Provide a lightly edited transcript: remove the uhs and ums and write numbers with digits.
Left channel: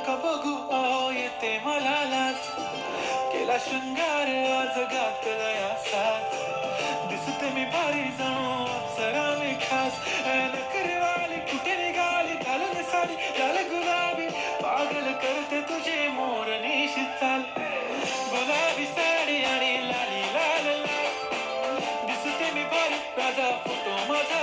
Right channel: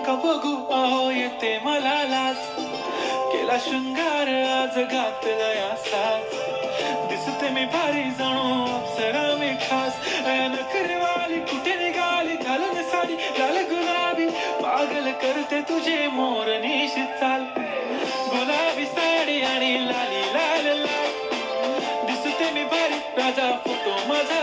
नका बघू अहो येते मला लाज, केला शृंगार आज घातलाय साज, दिसते मी भारी जणू अप्सरा मी खास, नखरेवाली कुठे निघाली घालून साडी लाल गुलाबी, पागल करते तुझे मोरनीश चाल, गुलाबी साडी आणि लाली लाल लाल, दिसते मी भारी राजा फोटो माझा